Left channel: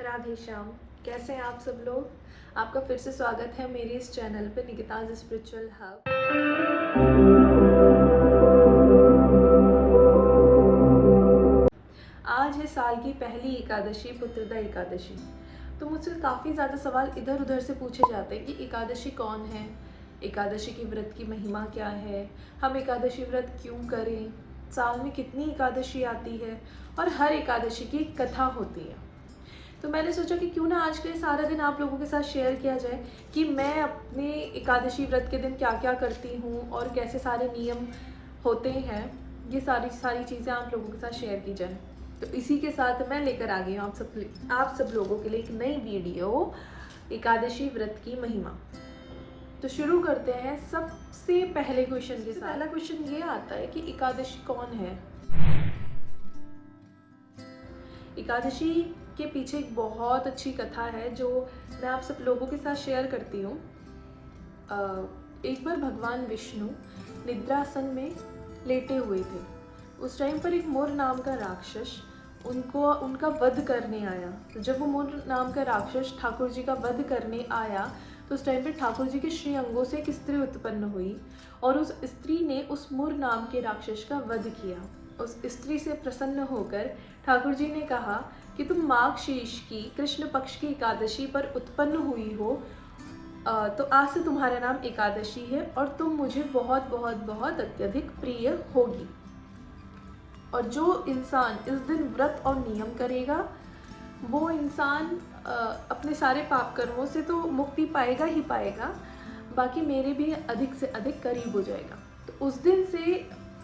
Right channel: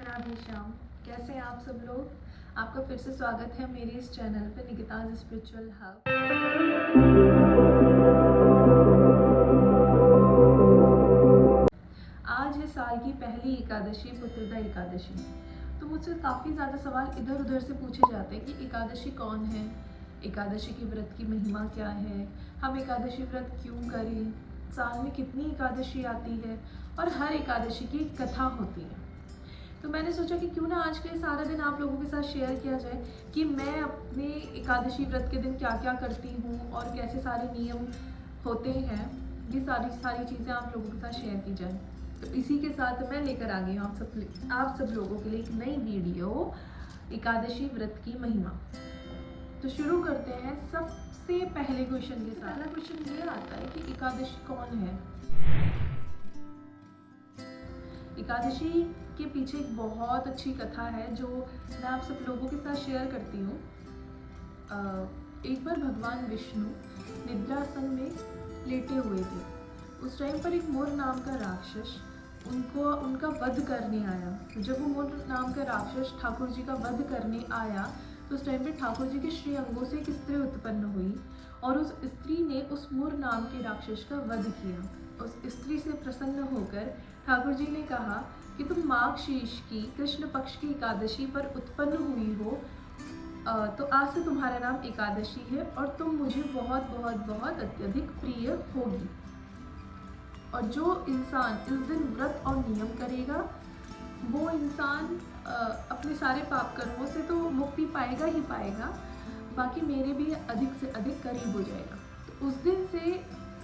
राधे श्याम। कैसे हैं आप सब लोग। आपका फिर से स्वागत है मेरे इस चैनल पे निकिताज स्पिरिचुअल हब। आज है साल की पहली एकादशी, पुत्रदा एकादशी। तो मुझसे काफ़ी ज़्यादा सवाल इधर उधर से पूछे जाते हैं कि एकादशी कौन है, एकादशी की व्रत की महिमा क्या है, हम एकादशी व्रत क्यों करें, साल में कितनी एकादशी आती है और हर एकादशी की एक कथा होती है। तो मैंने सोचा कि क्यों ना आज के सारा दिन आप लोगों के साथ शेयर किया जाए कि मैं अपने एकादशी व्रत के दिन क्या क्या करती हूँ और कैसे सारे नियम होते हैं। ये सारी चीज़ें आप लोगों के साथ शेयर की जाए। तो इसी के साथ मैं लेकर आ गई हूँ आप सब लोगों के लिए एक नई वीडियो, एकादशी व्रत की महिमा। तो शुरू करते हैं सबसे पहले क्वेश्चन के साथ। पहला क्वेश्चन ये आता है कि एकादशी कौन है। एकादशी के पीछे एक बहुत अच्छी कथा है जो मैं आप सब लोगों के साथ शेयर करती हूँ। एक बार भगवान विष्णु निद्रासन में लेटे हुए थे। उस टाइम पर एक मोर नाम का राक्षस उनका वध करने आया। तो जब वो मोर नाम का राक्षस ठाकुर जी का वध करने आया तो उस टाइम पे ठाकुर जी के श्री अंगों से एक स्त्री उत्पन्न हुई और उस स्त्री ने उस मोर नाम के राक्षस का वध किया। उस स्त्री से प्रसन्न होकर ठाकुर जी ने कहा कि तुम माघ शीर्ष की कृष्ण पक्ष की एकादशी पर उत्पन्न हुई हो, तो आज से तुम्हारा नाम एकादशी है और तुम मुझे बहुत बहुत बहुत अत्यधिक प्रिय होगी। और जो इंसान इस दिन व्रत और नियम करेगा वो इंसान अपने सारे पाप कर्मों से तो मुक्ति पाएगा ही पाएगा, बाकी मेरे भी अधिक से अधिक करीब हो जाएगा। तो उस दिन से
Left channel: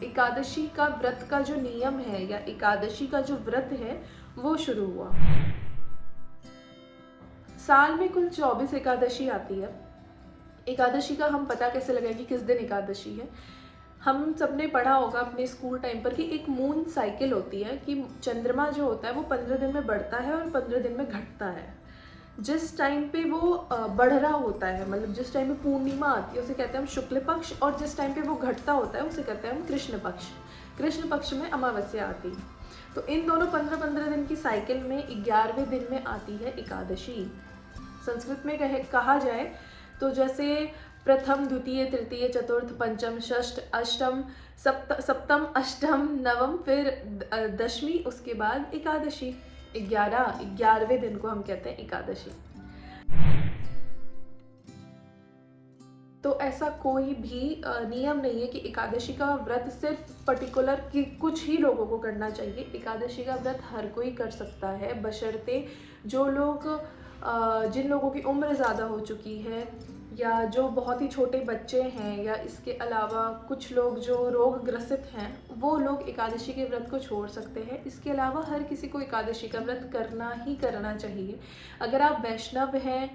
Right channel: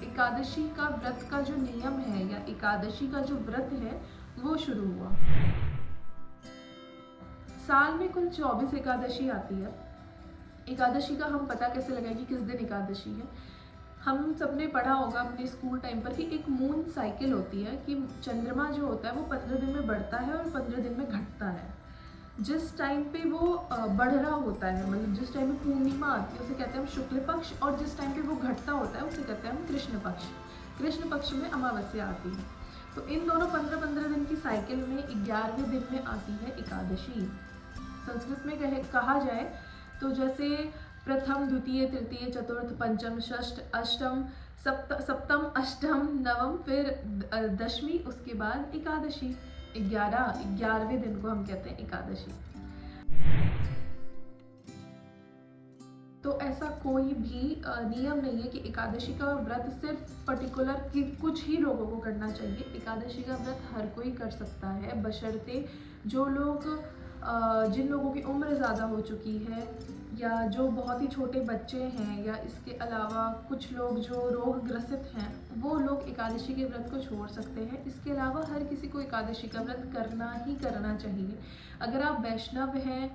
एकादशी का व्रत का जो नियम है या एकादशी का जो व्रत है वो शुरू हुआ। साल में कुल 24 एकादशी आती है। एकादशी का हम पता कैसे लगाएं कि किस दिन एकादशी है। हम सबने पढ़ा होगा अपने स्कूल टाइम पर कि एक मून साइकिल होती है कि चंद्रमा जो होता है वो 15 दिन में बढ़ता है और 15 दिन में घटता है। जिस टाइम पे वो बढ़ रहा होता है, मतलब जिस टाइम पे पूर्णिमा आती है उसे कहते हैं हम शुक्ल पक्ष, और जिस टाइम पे वो घटता होता है उसे कहते हैं हम कृष्ण पक्ष। कृष्ण पक्ष में अमावस्या आती है। तो इन दोनों 15-15 दिन की साइकिल में 11वें दिन में आती है एकादशी। संस्कृत में कहा जाए तो जैसे प्रथम, द्वितीय, तृतीय, चतुर्थ, पंचम, षष्ठ, अष्टम, सप्तम, अष्टम, नवम, फिर दशमी, उसके बाद एकादशी। 11वें दिन को हम कहते हैं एकादशी। तो ऐसा कोई भी नियम नहीं है कि एकादशी का व्रत सिर्फ पर्टिकुलर कि कुछ ही लोगों को करना चाहिए। एकादशी का व्रत हर कोई कर सकता है, बशर्ते जो लोग जिन लोगों की उम्र ज़्यादा हो चुकी है या जो बहुत ही छोटे बच्चे हैं या इसके अलावा कुछ लोग जो रोग ग्रसित हैं वो लोग एकादशी के व्रत को छोड़ सकते हैं। इसके अलावा हर किसी को एकादशी का व्रत करना ही करना चाहिए। अगर आप वैष्णव हैं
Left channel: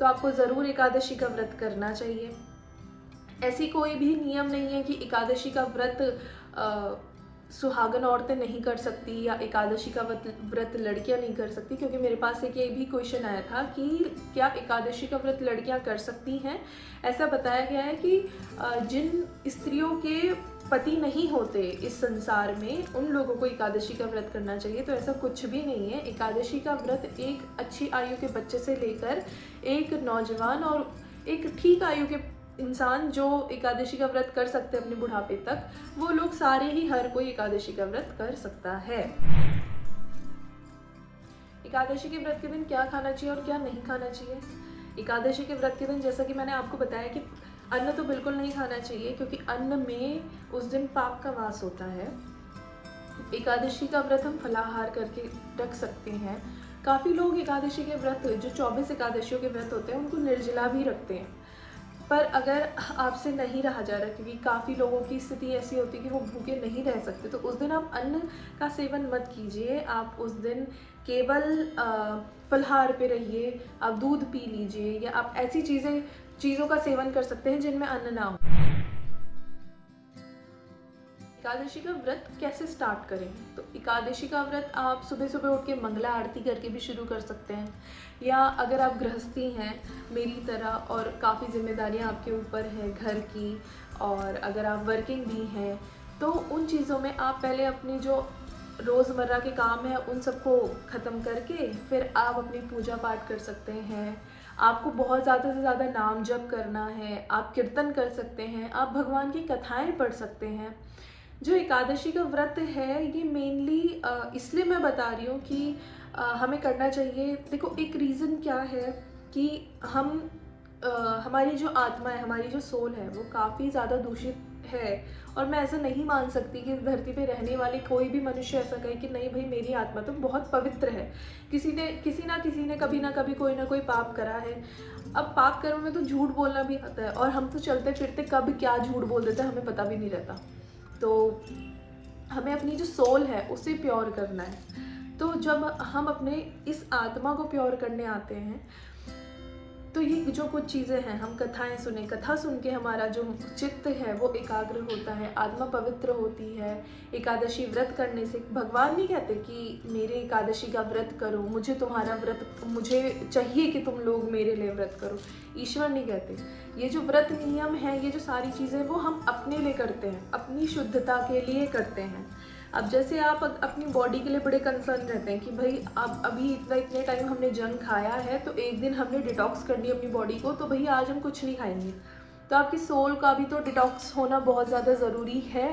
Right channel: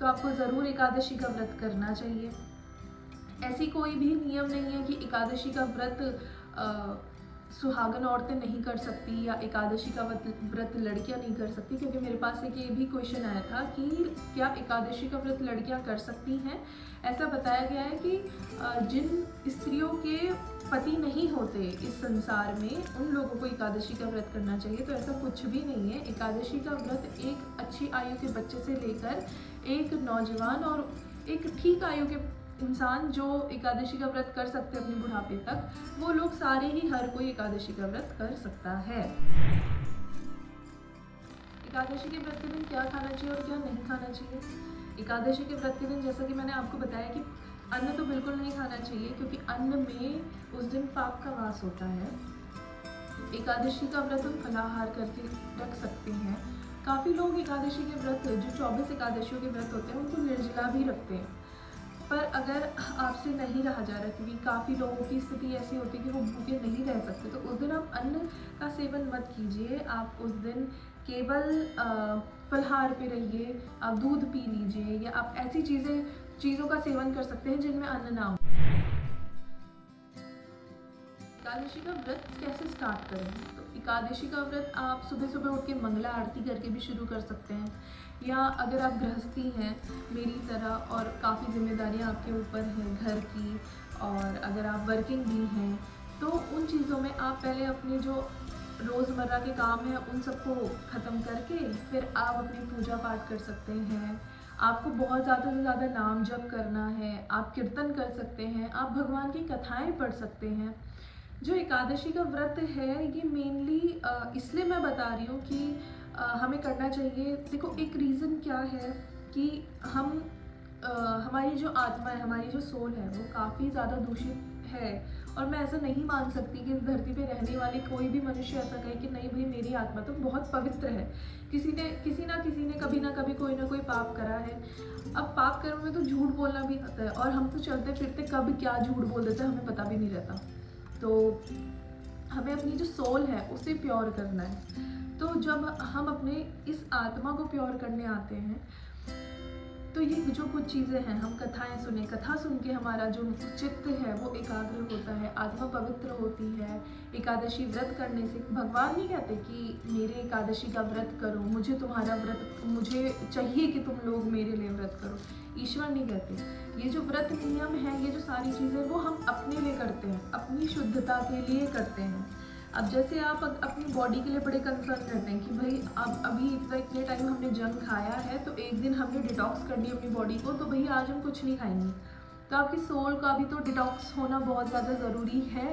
तो आपको ज़रूर एकादशी का व्रत करना चाहिए। ऐसी कोई भी नियम नहीं है कि एकादशी का व्रत सुहागन औरतें नहीं कर सकती या एकादशी का व्रत लड़कियां नहीं कर सकती, क्योंकि मेरे पास एक ये भी क्वेश्चन आया था कि क्या एकादशी का व्रत लड़कियां कर सकती हैं। ऐसा बताया गया है कि जिन स्त्रियों के पति नहीं होते इस संसार में उन लोगों को एकादशी का व्रत करना चाहिए। तो ऐसा कुछ भी नहीं है। एकादशी का व्रत एक अच्छी आयु के बच्चे से लेकर एक नौजवान और एक ठीक आयु के इंसान जो एकादशी का व्रत कर सकते हैं अपने बुढ़ापे तक, वो लोग सारे ही हर कोई एकादशी का व्रत कर सकता है। एकादशी के व्रत के दिन क्या खाना चाहिए और क्या नहीं खाना चाहिए। एकादशी के व्रत के दिन जैसा कि मैंने आपको बताया कि अन्न तो बिल्कुल नहीं खाना चाहिए, क्योंकि अन्न में उस दिन पाप का वास होता है। एकादशी का व्रत हम फलाहार करके रख सकते हैं। काफ़ी लोग एकादशी के व्रत जो 24 एकादशियों के व्रत होते हैं उनको निर्जला भी रखते हैं। पर अगर आपसे नहीं रहा जा रहा, क्योंकि काफ़ी लोगों की स्थिति ऐसी होती है कि वो भूखे नहीं रह सकते, तो उस दिन आप अन्न का सेवन मत कीजिए। आप उस दिन केवल फलाहार पे रहिए, आप दूध पी लीजिए या आप ऐसी चीज़ों का सेवन कर सकते हैं जिनमें अन्न ना हो। एकादशी का व्रत कैसे स्टार्ट करें। तो एकादशी का व्रत आप सुबह सुबह उठ के मंगला आरती करके भी शुरू कर सकते हैं, या अगर आप गृहस्थी हैं मेरी तरह और काफ़ी जिम्मेदारियां आपके ऊपर हैं घर की, और अगर आप वर्किंग भी हैं तो उन चीज़ों में आप पहले अपनी जो रोज़मर्रा के काम है उन सबको ख़त्म करके फिर आप अपनी पूजा पाठ कर सकते हैं। आपको बहुत ज़्यादा से ज़्यादा नाम जप करना है, आप कीर्तन कर सकते हैं, आप भगवान की कथाएं पढ़ सकते हैं। जो एकादशी का व्रत है ये मेनली इसलिए मैं बता रही हूँ कि हमें करना चाहिए। देखो एक रीज़न क्या है कि हम हमारी जो आत्मा है, हमारी जो सोल है वो काफ़ी ज़्यादा दूषित है। और मैं ऐसा नहीं मान सकती कि इस धरती पे रहने वाले कोई भी मनुष्य ऐसा कहे कि नहीं भाई मेरी आत्मा तो बहुत पवित्र है। किसी ना किसी ने कभी ना कभी कोई ना कोई पाप करा है। अब पाप कर्म में तो झूठ बोलना भी आता है और हम तो चलते फिरते कब क्या झूठ बोल देते हैं हमें पता भी नहीं रहता। तो हमें अपनी जो सोल है उसे प्योर करना है। तो जब हम अपने इस आत्मा को प्योर करने आते हैं तो ये जो कुछ चीज़ें हैं, हम कथाएं सुने, कथा सुन के हमारा जो चित्त है वो एकाग्र होता है, आत्मा पवित्र होती है। एकादशी व्रत करने से भगवान नहीं कहते कि मेरे एकादशी का व्रत करो, मुझे तुम्हारा व्रत, मुझे चाहिए कि तुम लोग मेरे लिए व्रत करो। ईश्वर नहीं कहते। ये जो व्रत नियम है, ये जो सारी चीज़ें वो हम अपने लिए करते हैं, अपनी शुद्धता के लिए करते हैं। अब जैसे आप अपनी बॉडी के लिए बड़े कंसर्न रहते हैं कि भाई अब अभी इतने टाइम हमने जंक खाया है तो एक दिन हमने डिटॉक्स कर दिया अपनी बॉडी को, तो भैया आज हम कुछ नहीं खाएंगे। तो आपकी सोल का भी तो डिटॉक्स होना बहुत ज़्यादा ज़रूरी है,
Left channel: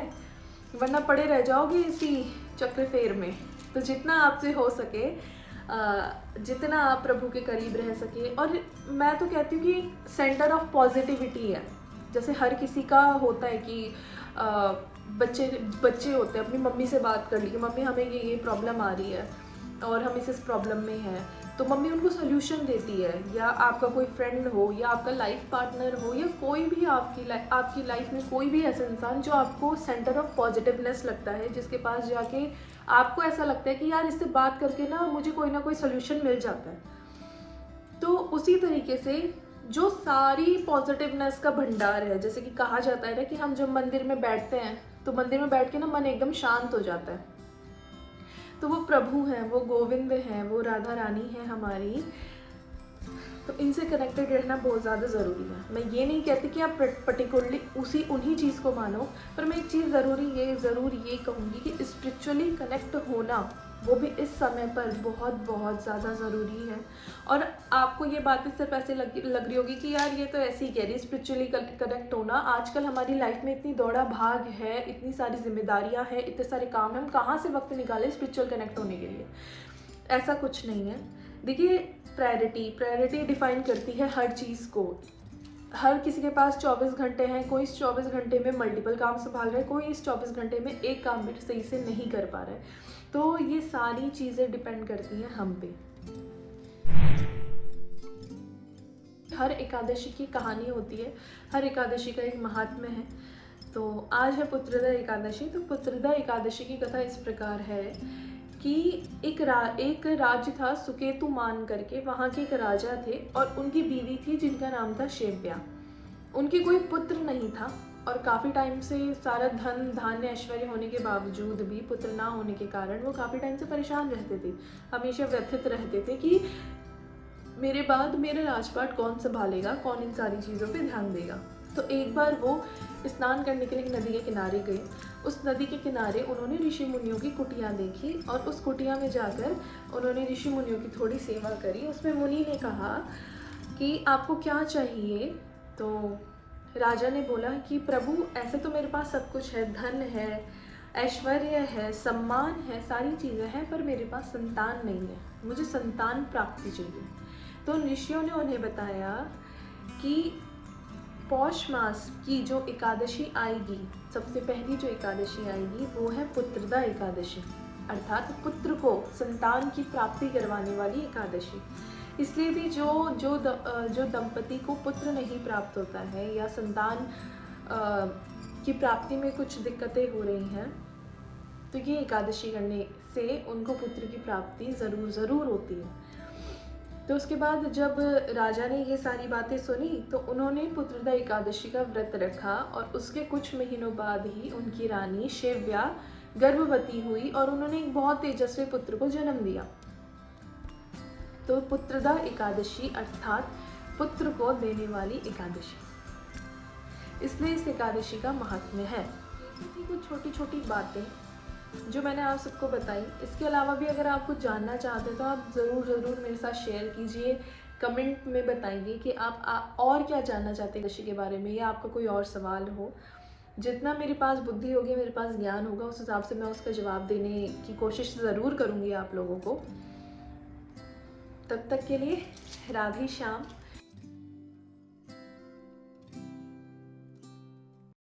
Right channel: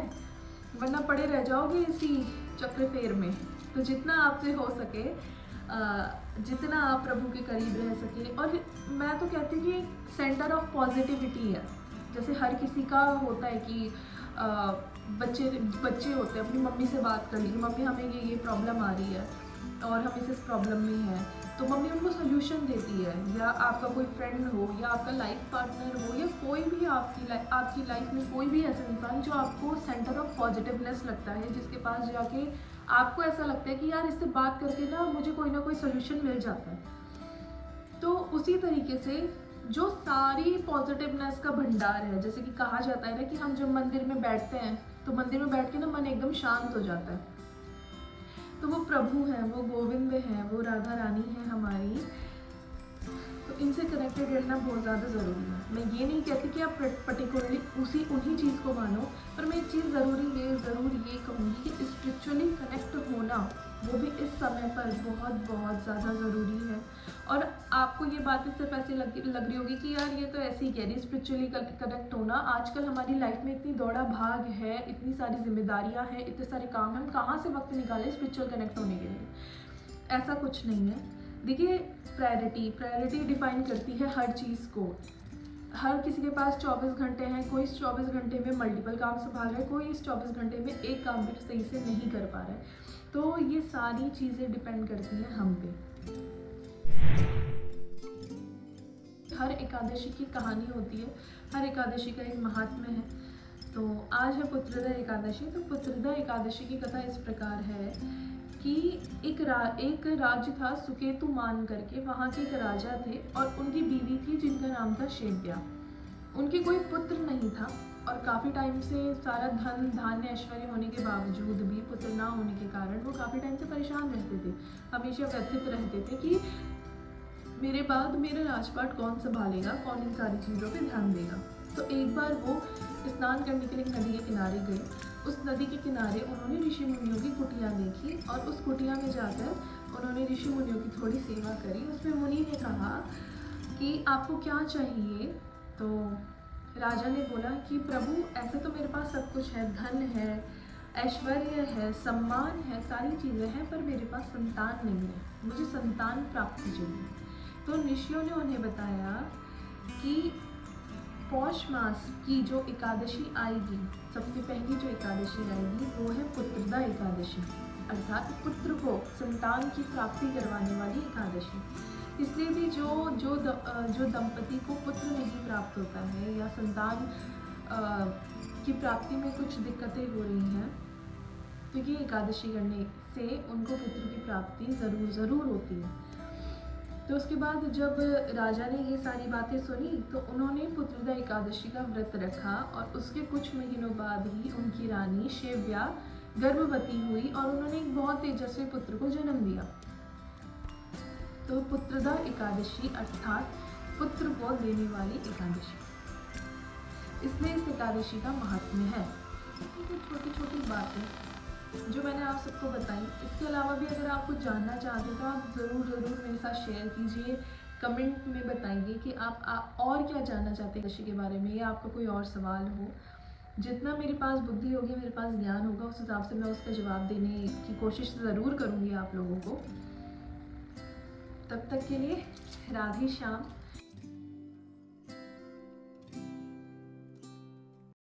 वरना पड़े रह जाओगे इसी चक्र फेर में। तो जितना आपसे हो सके, जितना आप प्रभु के करीब रह सके। और मैं तो कहती हूँ कि सेंटर ऑफ पॉजिटिविटी है। जैसे हर किसी का होता है कि बच्चे होते हैं, अपनी मम्मी से बात कर ली कि मम्मी हमें ये प्रॉब्लम आ रही है और हम इस प्रॉब्लम में हैं, तो मम्मी उनको सोल्यूशन देती है। या आपका कोई फ्रेंड हो या आपका लाइफ पार्टनर हो या कोई भी आपकी लाइफ में कोई भी ऐसा इंसान जो आपको सेंटर ऑफ पॉजिटिवनेस लगता है, जिसके पास जाके आपको ऐसा लगता है कि यार इससे बात करके मुझे कोई ना कोई सोल्यूशन मिल जाता है। तो उसी तरीके से जो सारी पॉजिटिवनेस का भंडार है, जैसे कि कहा जाता है ना कि हम जब मंदिर में बैठते हैं तो मंदिर में बैठ के मन एकदम शांत हो जाता है। तो वो प्रभु हैं, वो गोविंद हैं, वो राधा रानी है हमारी। तो इनसे कनेक्टेड रहना बहुत ज़्यादा ज़रूरी है। मैं ये नहीं कहती कि आप पर्टिकुलरली उन्हीं चीज़ को मानो, पर मैं एक चीज़ ज़रूर ये कहूँगी कि स्पिरिचुअली कनेक्ट होना वो भी इस समय पर बहुत बहुत ज़्यादा ज़रूरी है। और आपको ये बात सिर्फ ऐसे लग रही होगी कि यार ये तो ऐसे ही कह रही, स्पिरिचुअली कनेक्ट होना। आजकल हमारी लाइफ में इतनी दौड़ा भाग है, इतनी सारी जिम्मेदारियाँ हैं, इतने सारे काम हैं, हम कहाँ से वक्त निकालें स्पिरिचुअल कनेक्ट होने के लिए? ऐसा कुछ नहीं है। देखिए प्रायोरिटी डिफाइन करती है हर चीज़ को। हर किसी के पास 24 घंटे हैं, कोई इस 24 घंटे में मल्टीपल काम संभाल रहा है, कोई इस 24 घंटे में एक काम भी सही से नहीं कर पा रहा है। तो ये सारी चीज़ें डिपेंड करती हैं हम पे। हर एकादशी की कहानी होती है, हर एकादशी का एक महात्म्य है। तो आज है पुत्रदा एकादशी। तो पुत्रदा एकादशी की कथा इस प्रकार है कि एक राज्य था सुकेतु मान करके, वहाँ के एक राजा थे और उनकी बीवी थी जिनका नाम था शेव्या। उनके कोई पुत्र नहीं था और काफ़ी टाइम से सारा धन धान्य ऐश्वर्य होने के बावजूद भी पुत्र ना होने के कारण वो काफ़ी टाइम से परेशान रहते थे, हमेशा व्यथित रहते थे कि मेरे बाद मेरा राजपाट कौन संभालेगा, कौन इन सारी चीज़ों पे ध्यान देगा। तो एक बार वो स्नान करने के लिए एक नदी के किनारे गई। उस नदी के किनारे उन्होंने ऋषि मुनियों की कुटिया देखी और उस कुटिया में जाकर उन्होंने ऋषि मुनियों की थोड़ी सेवा करी। उसमें मुनि ने कहा कि आपको क्या चाहिए? तो राजा ने बोला कि प्रभु ऐसे तो मेरे पास सब कुछ है, धन है, ऐश्वर्य है, सम्मान है, सारी चीज़ें हैं, पर मेरे पास संतान नहीं है, मुझे संतान प्राप्ति चाहिए। तो ऋषियों ने उन्हें बताया कि पौष मास की जो एकादशी आएगी, सबसे पहली जो एकादशी आएगी वो है पुत्रदा एकादशी, अर्थात पुत्र को संतान की प्राप्ति करवाने वाली एकादशी। इसलिए भी जो दंपति को पुत्र नहीं प्राप्त होता है या संतान की प्राप्ति में कुछ दिक्कतें हो रही हैं, तो ये एकादशी करने से उनको पुत्र की प्राप्ति ज़रूर होती है। तो उसके बाद जब राजा ने ये सारी बातें सुनी तो उन्होंने पुत्रदा एकादशी का व्रत रखा और उसके कुछ महीनों बाद ही उनकी रानी शेव्या गर्भवती हुई और उन्होंने एक बहुत तेजस्वी पुत्र को जन्म दिया। तो पुत्रदा एकादशी अर्थात पुत्र को देने वाली एकादशी, इसलिए इस एकादशी का महात्म्य है। कुछ छोटी छोटी बातें जो मैंने आप सबको बताई। इसके अलावा भी अगर आप कुछ जानना चाहते हैं तो आप ज़रूर मेरे साथ शेयर कीजिए, कमेंट में बताइए कि आप और क्या जानना चाहते हैं कृषि के बारे में, या आपका कोई और सवाल हो। जितना मेरे पास बुद्धि होगी, मेरे पास ज्ञान होगा, उस हिसाब से मैं उसका जवाब देने की कोशिश ज़रूर करूँगी आप लोगों को। तब तक के लिए राधे श्याम।